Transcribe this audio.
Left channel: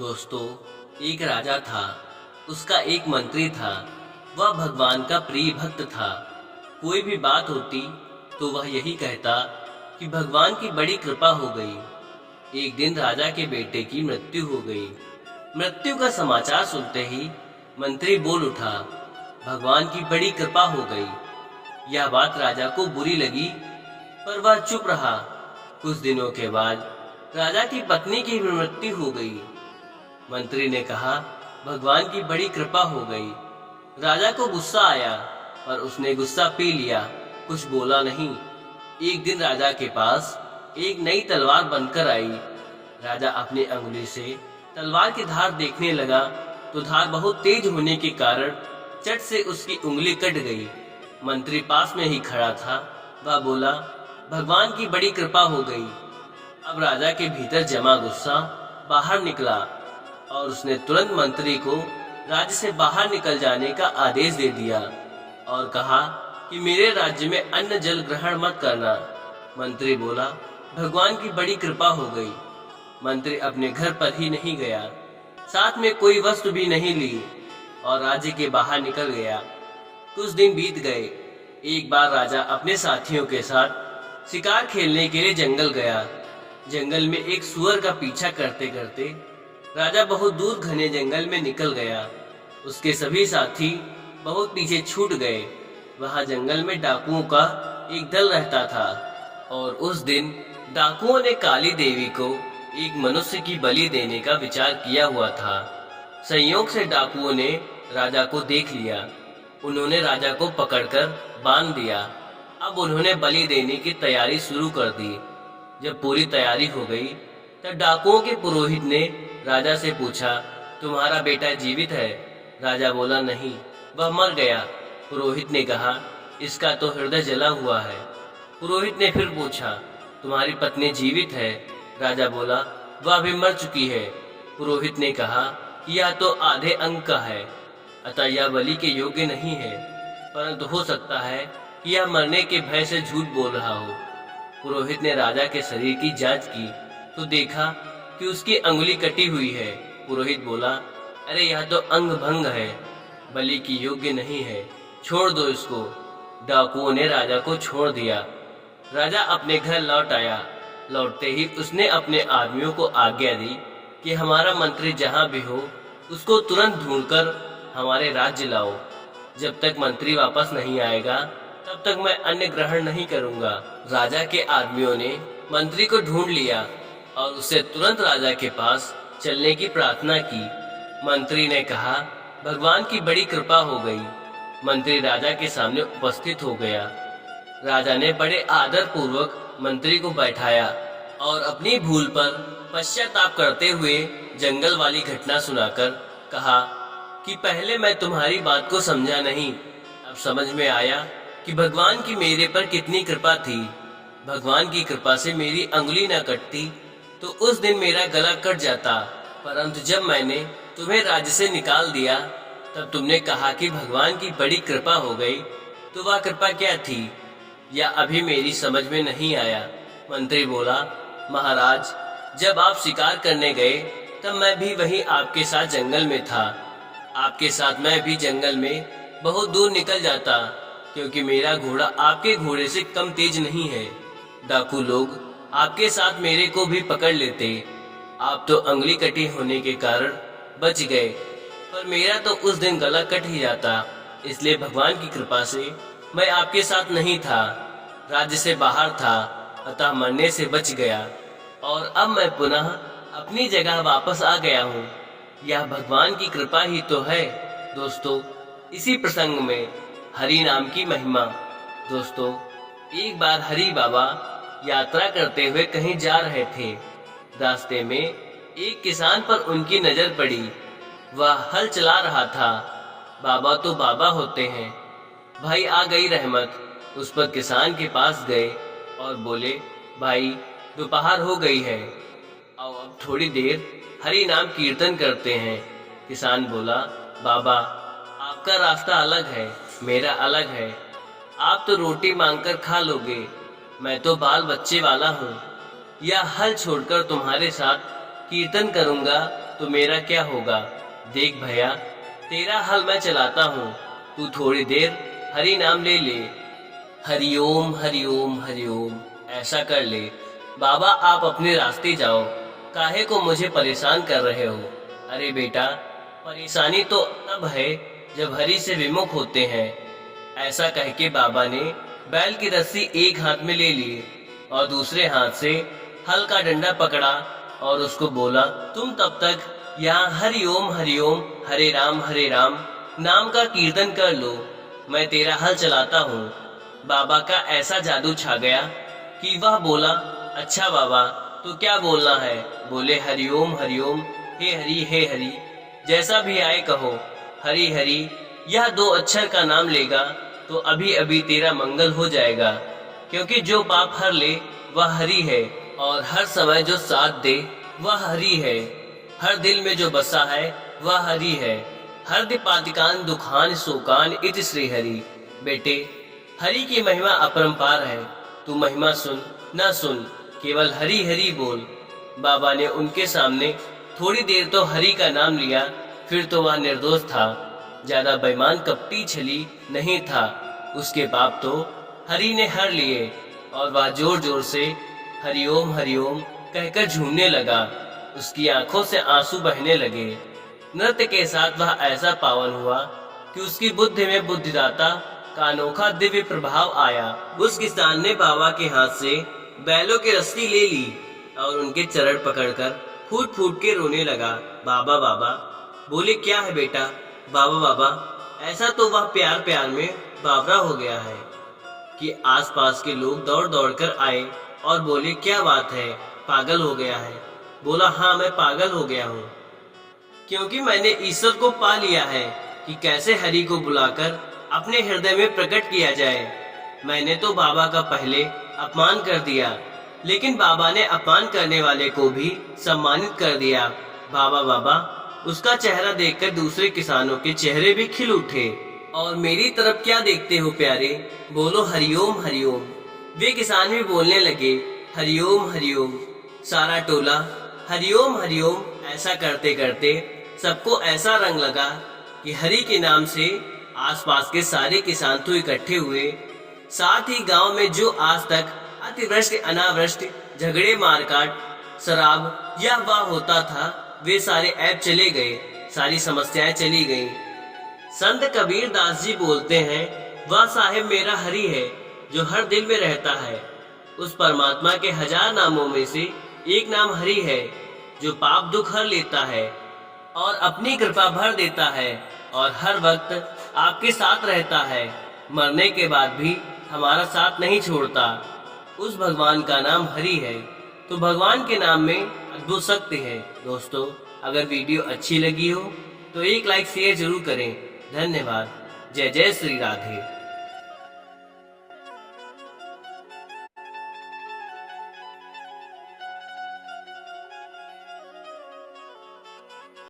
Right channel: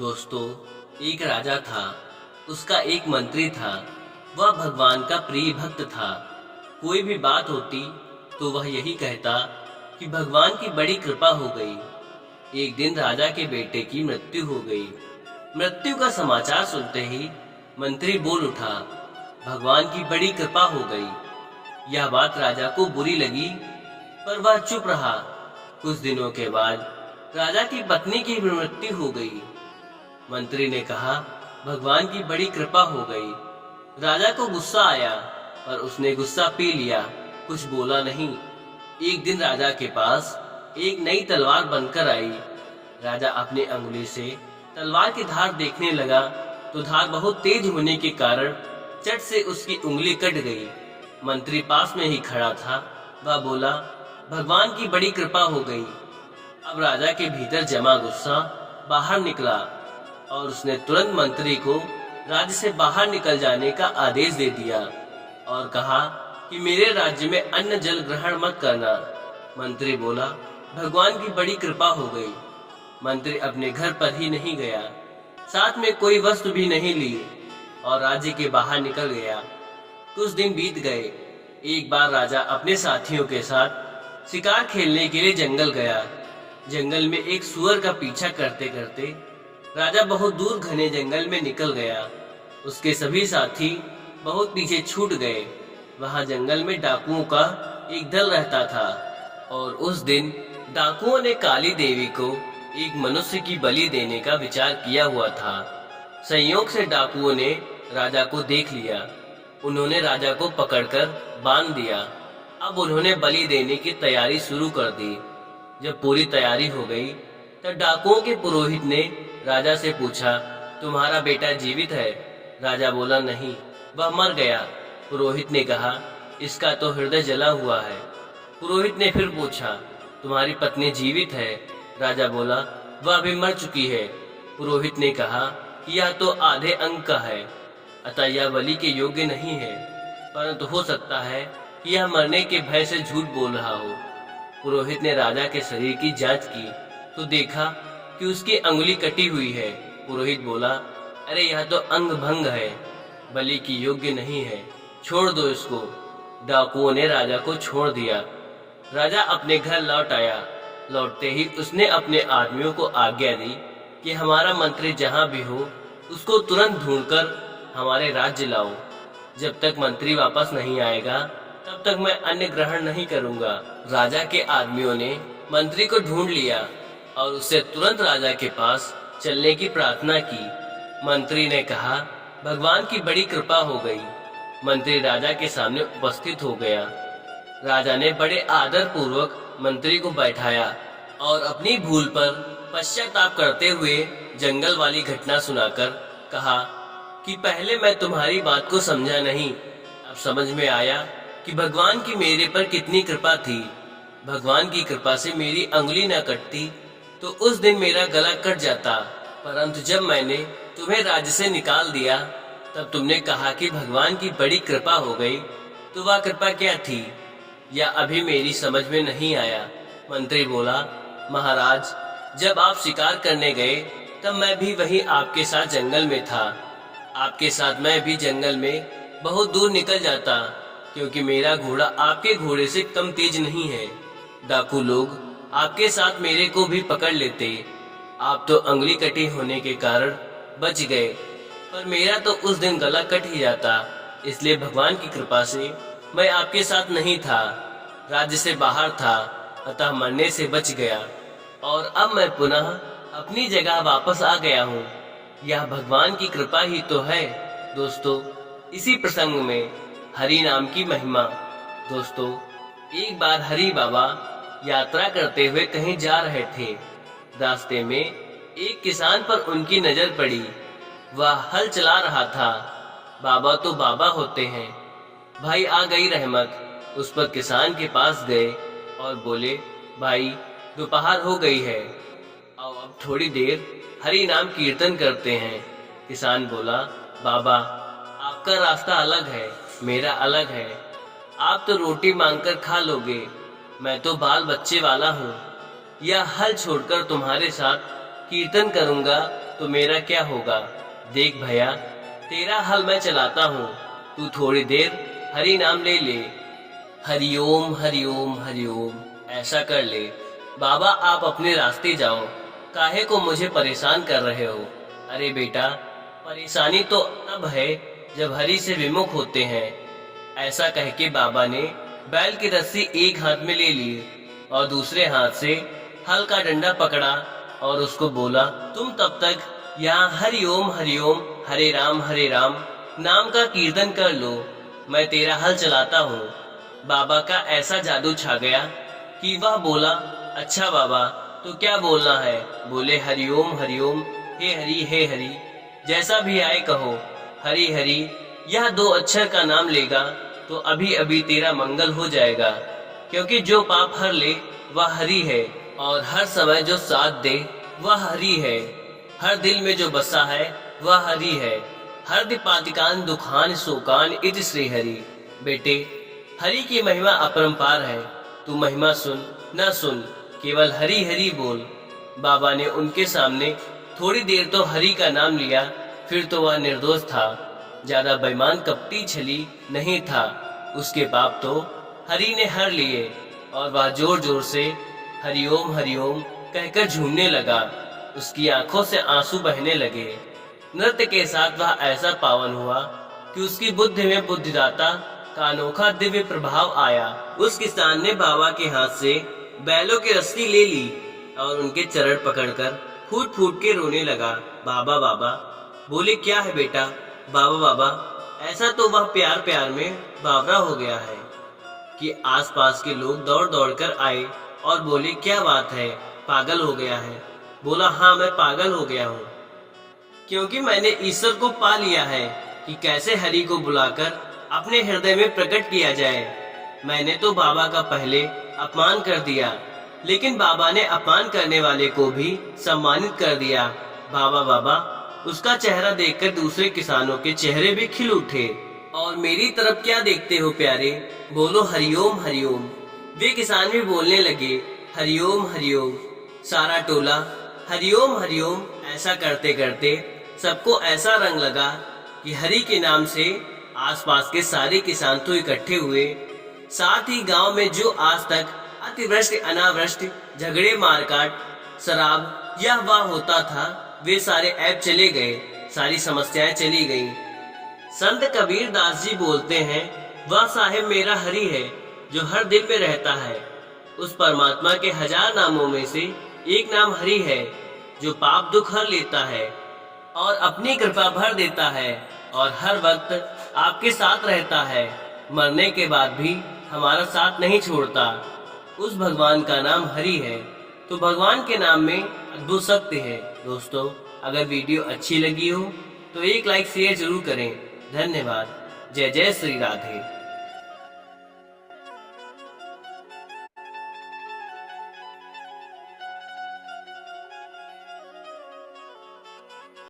दोस्तों, एक राजा था। उसका एक मंत्री था। वह भगवान का प्रिय भक्त था। कोई भी बात होती तो वह यही कहता कि भगवान की बड़ी कृपा हो गई। एक दिन राजा के बेटे की मृत्यु हो गई। मृत्यु का समाचार सुनते ही मंत्री बोल उठा, भगवान की बड़ी कृपा हो गई। यह बात राजा को बुरी लगी, पर वह चुप रहा। कुछ दिनों के बाद राजा की पत्नी की भी मृत्यु हो गई। मंत्री ने कहा, भगवान की बड़ी कृपा हो गई। राजा को गुस्सा आया, पर उसने गुस्सा पी लिया, कुछ बोला नहीं। एक दिन राजा के पास एक नई तलवार बनकर आई। राजा अपनी अंगुली से तलवार की धार देखने लगा तो धार बहुत तेज होने के कारण चट से उसकी उंगली कट गई। मंत्री पास में ही खड़ा था। वह बोला, भगवान की बड़ी कृपा हो गई। अब राजा के भीतर जमा गुस्सा बाहर निकला और उसने तुरंत मंत्री को राज्य से बाहर निकल जाने का आदेश दे दिया और कहा कि मेरे राज्य में अन्न जल ग्रहण मत करना। मंत्री बोला, भगवान की बड़ी कृपा हो गई। मंत्री अपने घर पर ही नहीं गया, साथ में कोई वस्तु भी नहीं ली और राज्य के बाहर निकल गया। कुछ दिन बीत गए। एक बार राजा अपने साथियों के साथ शिकार खेलने के लिए जंगल गया। जंगल में एक सुअर का पीछा करते करते राजा बहुत दूर घने जंगल में निकल गया। उसके सभी साथी बहुत पीछे छूट गए। वहां जंगल में डाकुओं का एक दल रहता था और उस दिन डाकुओं ने काली देवी को एक मनुष्य की बलि देने का विचार किया हुआ था। संयोग से डाकुओं ने राजा को देख लिया। उन्होंने राजा को पकड़कर बांध दिया। अब उन्होंने बलि देने की तैयारी शुरू कर दी। जब पूरी तैयारी हो गई तब डाकुओं के पुरोहित ने राजा से पूछा, तुम्हारा बेटा जीवित है? राजा बोला, नहीं, वह मर गया। पुरोहित ने कहा, इसका तो हृदय जला हुआ है। पुरोहित ने फिर पूछा, तुम्हारी पत्नी जीवित है? राजा बोला, वह भी मर चुकी है। पुरोहित ने कहा कि यह तो आधे अंग का है, अतः यह बलि के योग्य नहीं है, परंतु हो सकता है कि यह मरने के भय से झूठ बोल रहा हो। पुरोहित ने राजा के शरीर की जांच की तो देखा कि उसकी अंगुली कटी हुई है। पुरोहित बोला, अरे यह तो अंग भंग है, बलि की योग्य नहीं है, छोड़ दो इसको। डाकुओं ने राजा को छोड़ दिया। राजा अपने घर लौट आया। लौटते ही उसने अपने आदमियों को आज्ञा दी कि हमारा मंत्री जहाँ भी हो उसको तुरंत ढूंढकर हमारे राज्य लाओ। जब तक मंत्री वापस नहीं आएगा तब तक मैं अन्न ग्रहण नहीं करूंगा। राजा के आदमियों ने मंत्री को ढूंढ लिया और उससे तुरंत राजा के पास चलने की प्रार्थना की। मंत्री ने कहा, भगवान की बड़ी कृपा हो गई। मंत्री राजा के सामने उपस्थित हो गया। राजा ने बड़े आदर पूर्वक मंत्री को बैठाया और अपनी भूल पर पश्चाताप करते हुए जंगल वाली घटना सुनाकर कहा कि पहले मैं तुम्हारी बात को समझा नहीं, अब समझ में आया कि भगवान की मेरे पर कितनी कृपा थी। भगवान की कृपा से मेरी अंगुली न कटती तो उस दिन मेरा गला कट जाता, परंतु जब मैंने तुम्हें राज्य से निकाल दिया तब तुमने कहा कि भगवान की बड़ी कृपा हो गई। तो वह कृपा क्या थी, या अभी मेरी समझ में नहीं आया। मंत्री बोला, महाराज, जब आप शिकार करने गए तब मैं भी वहीं आपके साथ जंगल में था। आपके साथ मैं भी जंगल में बहुत दूर निकल जाता, क्योंकि मेरा घोड़ा आपके घोड़े से कम तेज नहीं है। डाकू लोग आपके साथ मेरे को भी पकड़ लेते। आप तो अंगुली कटी होने के कारण बच गए, पर मेरा तो उस दिन गला कट ही जाता। इसलिए भगवान की कृपा से मैं आपके साथ नहीं था, राज्य से बाहर था, अतः मरने से बच गया और अब मैं पुनः अपनी जगह वापस आ गया हूँ। यह भगवान की कृपा ही तो है। दोस्तों, इसी प्रसंग में हरि नाम की महिमा। दोस्तों, एक बार हरि बाबा यात्रा करते हुए कहीं जा रहे थे। रास्ते में एक किसान पर उनकी नजर पड़ी। वह हल चला रहा था। बाबा तो बाबा होते हैं, भाई आ गई रहमत। उस पर किसान के पास गए और बोले, भाई दोपहर हो गई है, आओ अब थोड़ी देर हरि नाम कीर्तन करते हैं। किसान बोला, बाबा आपका रास्ता अलग है, मेरा अलग है। आप तो रोटी मांगकर खा लोगे, मैं तो बाल बच्चे वाला हूँ। यह हल छोड़कर तुम्हारे साथ कीर्तन करूँगा तो मेरा क्या होगा। देख भैया, तेरा हल मैं चलाता हूँ, तू थोड़ी देर हरि नाम ले ले। हरिओम हरिओम हरिओम, ऐसा कर ले। बाबा आप अपने रास्ते जाओ, काहे को मुझे परेशान कर रहे हो। अरे बेटा, परेशानी तो तब है जब हरि से विमुख होते हैं। ऐसा कह के बाबा ने बैल की रस्सी एक हाथ में ले ली और दूसरे हाथ से हल का डंडा पकड़ा और उसको बोला, तुम तब तक यहाँ हरिओम हरे राम नाम का कीर्तन कर लो, मैं तेरा हल चलाता हूँ। बाबा का ऐसा जादू छा गया कि वह बोला, अच्छा बाबा तो क्या बोलना है। बोले, हरिओम हे हरि, जैसा भी आए कहो। हरि हरि, यह 2 अक्षर का नाम लेगा तो अभी अभी तेरा मंगल हो जाएगा, क्योंकि जो पाप हर ले वह हरि है, और हर समय जो साथ दे वह हरि है। हर दिल में जो बसा है वह हरि है। हर दिपातिकान दुखान शोकान इति श्री हरि। बेटे, हरि की महिमा अपरंपार है, तू महिमा सुन न सुन, केवल हरि हरि बोल। बाबा ने उनके सामने थोड़ी देर तो हरि का नाम लिया, फिर तो वह निर्दोष था, ज्यादा बेईमान कपटी छली नहीं था। उसके पाप तो हरि ने हर लिए और वह जोर जोर से हरिओम कहकर झूमने लगा। उसकी आंखों से आंसू बहने लगे। नृत्य के साथ वह ऐसा पावन हुआ कि उसकी बुद्धि में बुद्धिदाता का अनोखा दिव्य प्रभाव आया। उस किसान ने बाबा के हाथ से बैलों की रस्सी ले ली और उनके चरण पकड़कर फूट फूट के रोने लगा। बाबा बाबा बोले, क्या है बेटा। बाबा ऐसा तो वह प्यार प्यार में बावरा हो गया है कि आसपास के लोग दौड़ दौड़ कर आए और बोले, क्या बात है, पागल हो गया है। बोला, हाँ मैं पागल हो गया हूँ, क्योंकि मैंने ईश्वर को पा लिया है कि कैसे हरि को बुलाकर अपने हृदय में प्रकट किया जाए। मैंने तो बाबा का पहले अपमान कर दिया, लेकिन बाबा ने अपमान करने वाले को भी सम्मानित कर दिया। बाबा उसका चेहरा देखकर दूसरे किसानों के चेहरे भी खिल उठे। और मेरी तरफ क्या देखते हो प्यारे, बोलो हरिओम। वे किसान भी बोलने लगे, हरिओम। सारा टोला हरिओम ऐसा करते करते सबको ऐसा रंग लगा कि हरि के नाम से आसपास के सारे किसान तो इकट्ठे हुए। साथ ही गांव में जो आज तक अतिवृष्टि अनावृष्टि झगड़े मारकाट शराब यह वह होता था, वे सारे ऐब चले गए, सारी समस्याएं चली गईं। संत कबीर दास जी बोलते हैं, वह साहेब मेरा हरि है जो हर दिल में रहता है। उस परमात्मा के 1000 नामों में से एक नाम हरि है जो पाप दुख हर लेता है और अपनी कृपा भर देता है और हर वक्त आपके साथ रहता है। मरने के बाद भी हमारा साथ नहीं छोड़ता। उस भगवान का नाम हरि है। तो भगवान के नाम में अद्भुत शक्ति है। दोस्तों, अगर वीडियो अच्छी लगी हो तो एक लाइक शेयर जरूर करें। धन्यवाद। जय जय श्री राधे।